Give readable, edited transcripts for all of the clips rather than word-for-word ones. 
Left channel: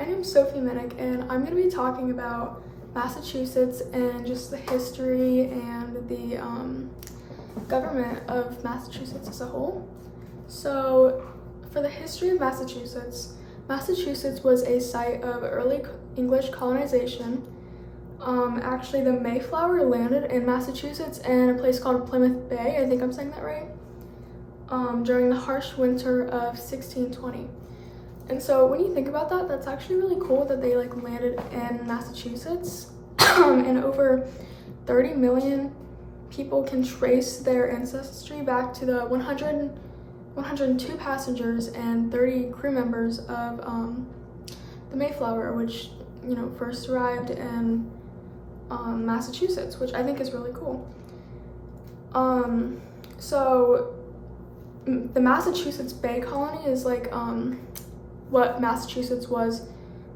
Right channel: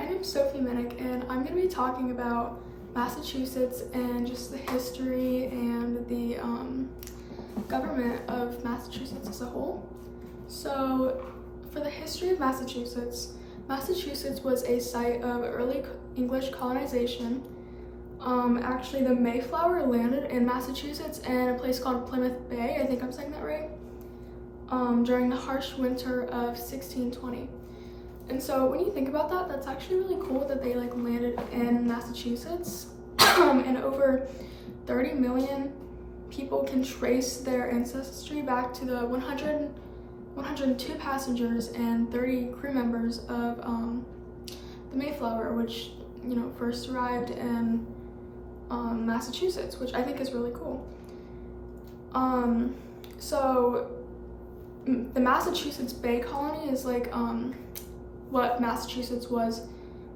My name's Sophie Minnick, and I'm going to be talking about Massachusetts and just the history and the government of Massachusetts as a whole. So, for the history of Massachusetts, Massachusetts was a site of early English colonization. Actually, the Mayflower landed in Massachusetts in a place called Plymouth Bay, I think I'm saying that right, during the harsh winter of 1620. And so when you think about that, that's actually really cool that they landed in Massachusetts. And over 30 million people can trace their ancestry back to the 102 passengers and 30 crew members of the Mayflower, which first arrived in Massachusetts, which I think is really cool. So the Massachusetts Bay Colony is what Massachusetts was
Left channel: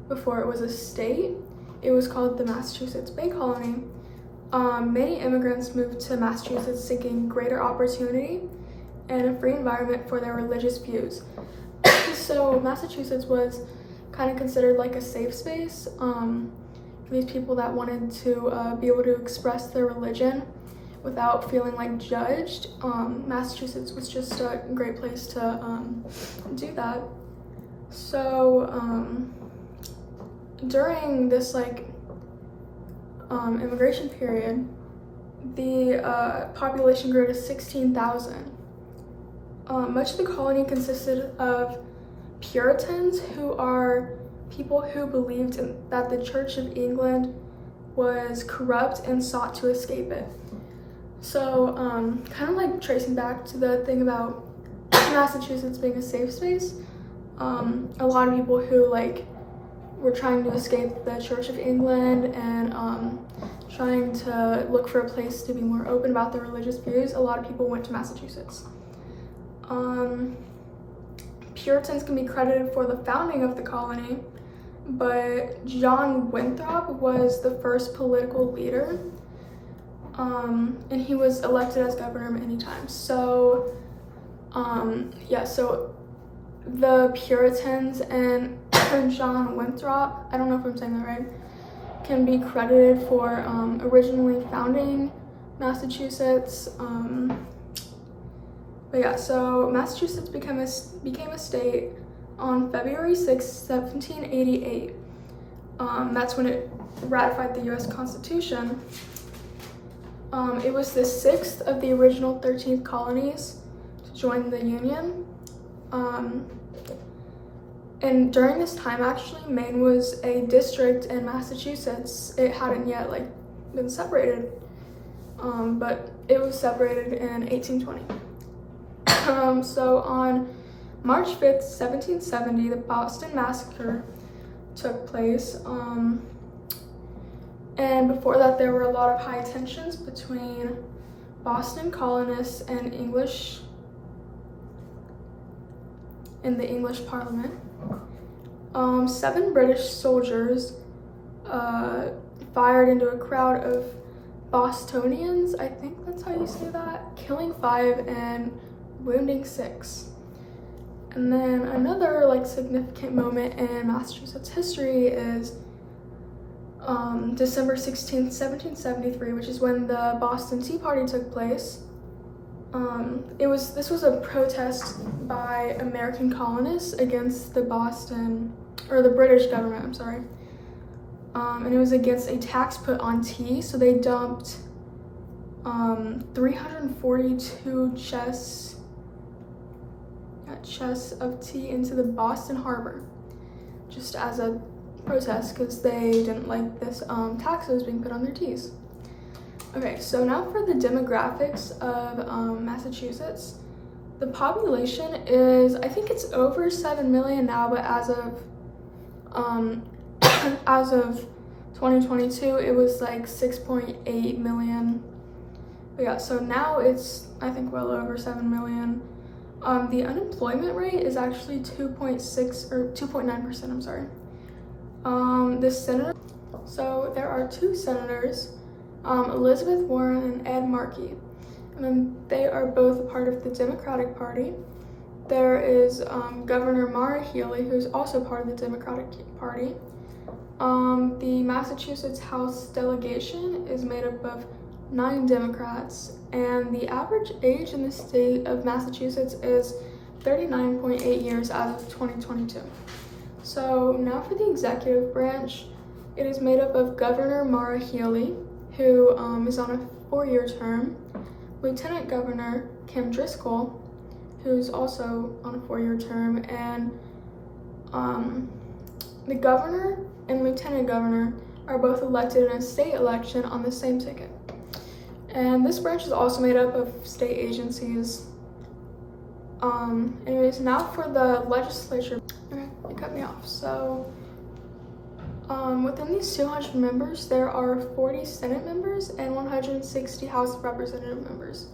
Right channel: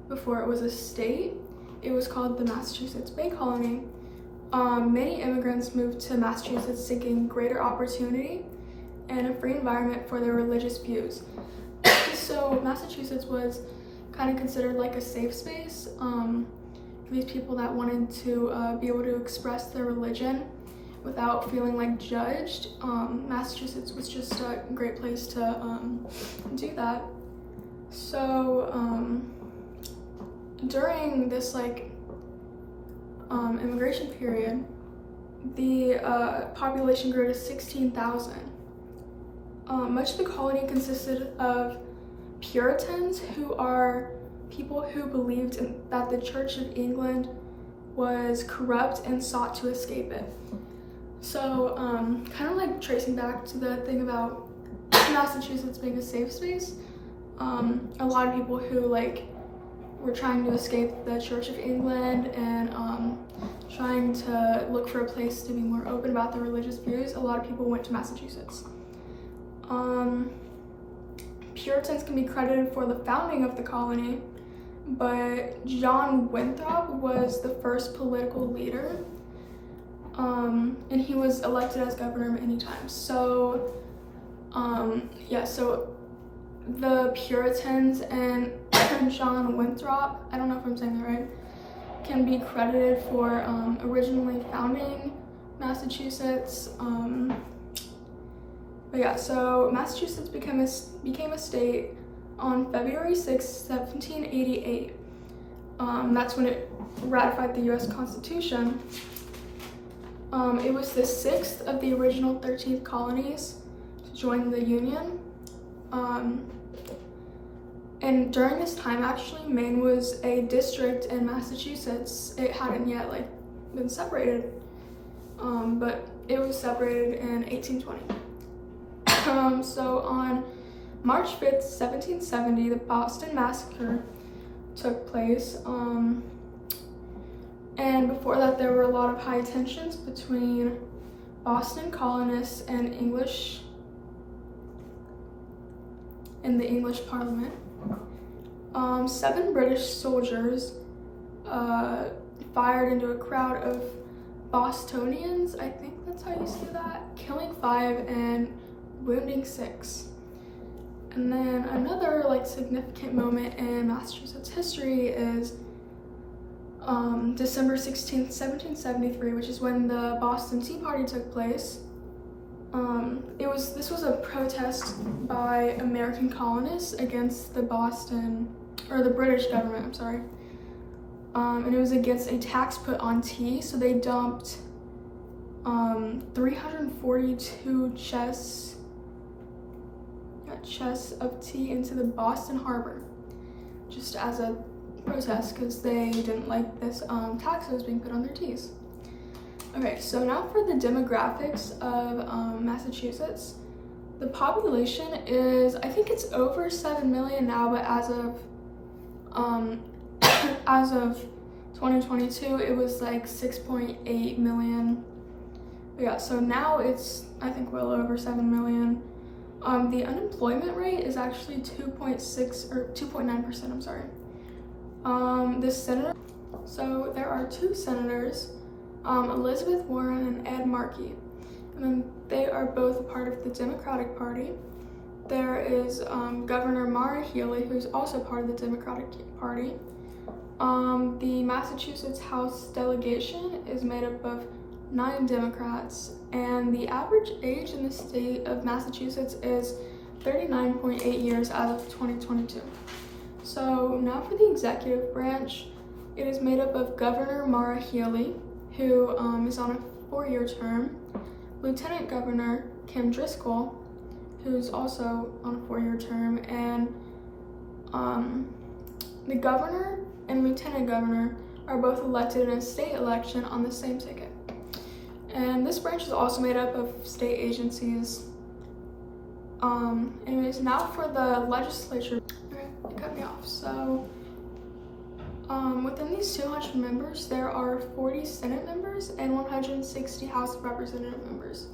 before it was a state. It was called the Massachusetts Bay Colony. Many immigrants moved to Massachusetts seeking greater opportunity and a free environment for their religious views. So Massachusetts was kind of considered like a safe space for these people that wanted to be able to express their religion without feeling judged. Massachusetts was just a great place to do that. So during this immigration period, the population grew to 16,000. Much of the colony consisted of Puritans, who are people who believed that the Church of England was corrupt and sought to escape it. So kind of tracing back to the thing about Massachusetts being a safe space, a lot of people who were trying to escape the Church of England and trying to look for a place to be more open about their religious views, a lot of people went to Massachusetts. Puritans can be credited for the founding of the colony, but John Winthrop was the first political leader, and he was elected as governor many times. So so the Puritans and John Winthrop, I don't know if I'm saying that right, can be credited for originally founding Massachusetts. So Massachusetts became a state on February 6, 1788. That's when it ratified the U.S. Constitution. It was the sixth of the original 13 colonies to join the Union. And during this time, actually, Maine was a district in Massachusetts. It hadn't yet been separated, but it was separated in 1820. So on March 5th, 1770, the Boston Massacre took place. And before that, there were a lot of high tensions between Boston colonists and the English Parliament. 7 British soldiers fired into a crowd of Bostonians, I think that's how you say that, killing 5 and wounding 6. And then another significant moment in Massachusetts history is December 16th, 1773, which is when the Boston Tea Party took place. This was a protest by American colonists against the British government, I'm sorry. And it was against a tax put on tea, so they dumped 342 chests of tea into the Boston Harbor, just as a protest because they didn't like this tax that was being put on their teas. Okay, so now for the demographics of Massachusetts. The population is, I think it's over 7 million now, but as of 2022, it was 6.8 million. But yeah, so now it's, I think, well over 7 million. The unemployment rate is actually 2.9%, I'm sorry. So there are 2 senators, Elizabeth Warren and Ed Markey. And then they are both a part of the Democratic Party. there is Governor Maura Healey, who's also part of the Democratic Party. The Massachusetts House delegation is made up of 9 Democrats, and the average age in the state of Massachusetts is 39.8 years as of 2022. So now for the executive branch, it is made up of Governor Maura Healey, who is on a 4-year term, Lieutenant Governor Kim Driscoll, who's also on a 4-year term, and the governor and lieutenant governor are both elected in a state election on the same ticket. And this branch is also made up of state agencies. Anyways, now for the legislature. Okay, you cut me off. So, within these 200 members, there are 40 Senate members and 160 House of Representative members.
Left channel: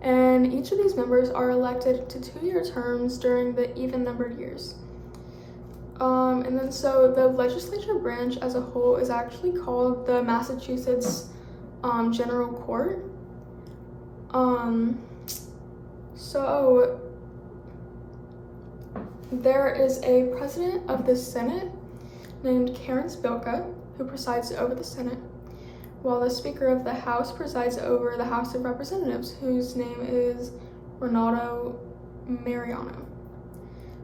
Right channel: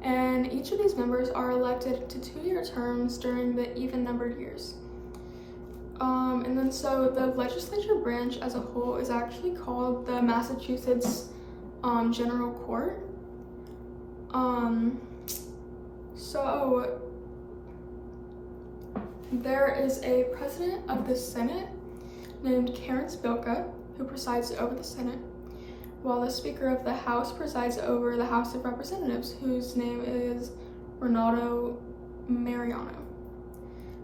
And each of these members are elected to 2-year terms during the even-numbered years. And then so the legislature branch as a whole is actually called the Massachusetts General Court. So there is a president of the Senate named Karen Spilka, who presides over the Senate, while the Speaker of the House presides over the House of Representatives, whose name is Ronaldo Mariano.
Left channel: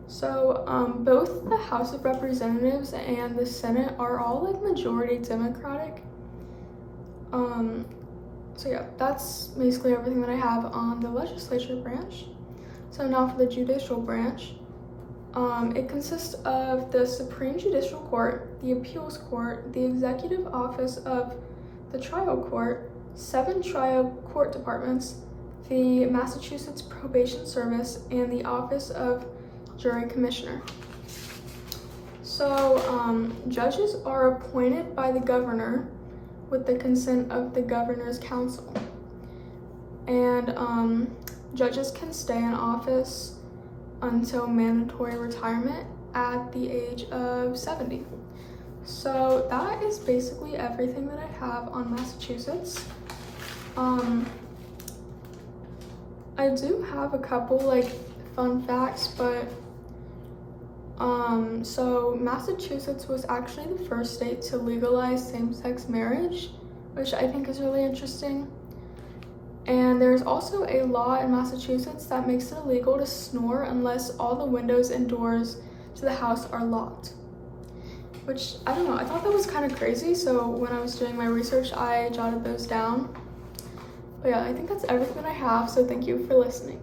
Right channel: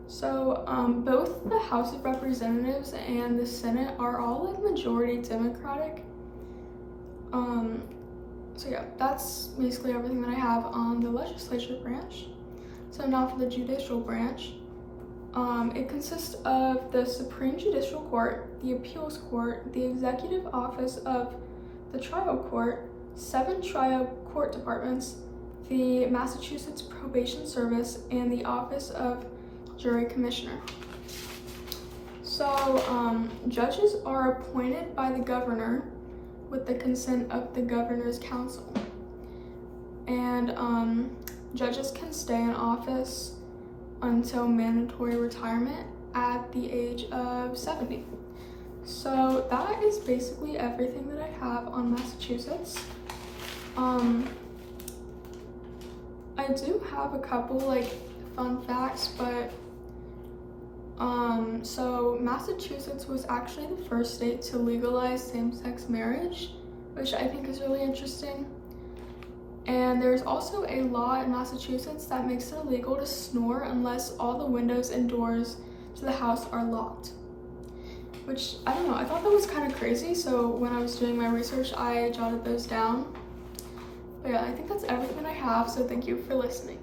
So both the House of Representatives and the Senate are all like majority Democratic. So yeah, that's basically everything that I have on the legislature branch. So now for the judicial branch. It consists of the Supreme Judicial Court, the Appeals Court, the Executive Office of the Trial Court, 7 trial court departments, the Massachusetts Probation Service, and the Office of Jury Commissioner. So judges are appointed by the governor with the consent of the governor's council. And judges can stay in office until mandatory retirement at the age of 70. So that is basically everything that I have on Massachusetts. I do have a couple like fun facts, but so Massachusetts was actually the first state to legalize same-sex marriage, which I think is really interesting. And there's also a law in Massachusetts that makes it illegal to snore unless all the windows and doors to the house are locked. Which, I don't know, I thought that was kind of crazy, so when I was doing my research, I jotted those down. But yeah, I think that's everything that I have, so thank you for listening.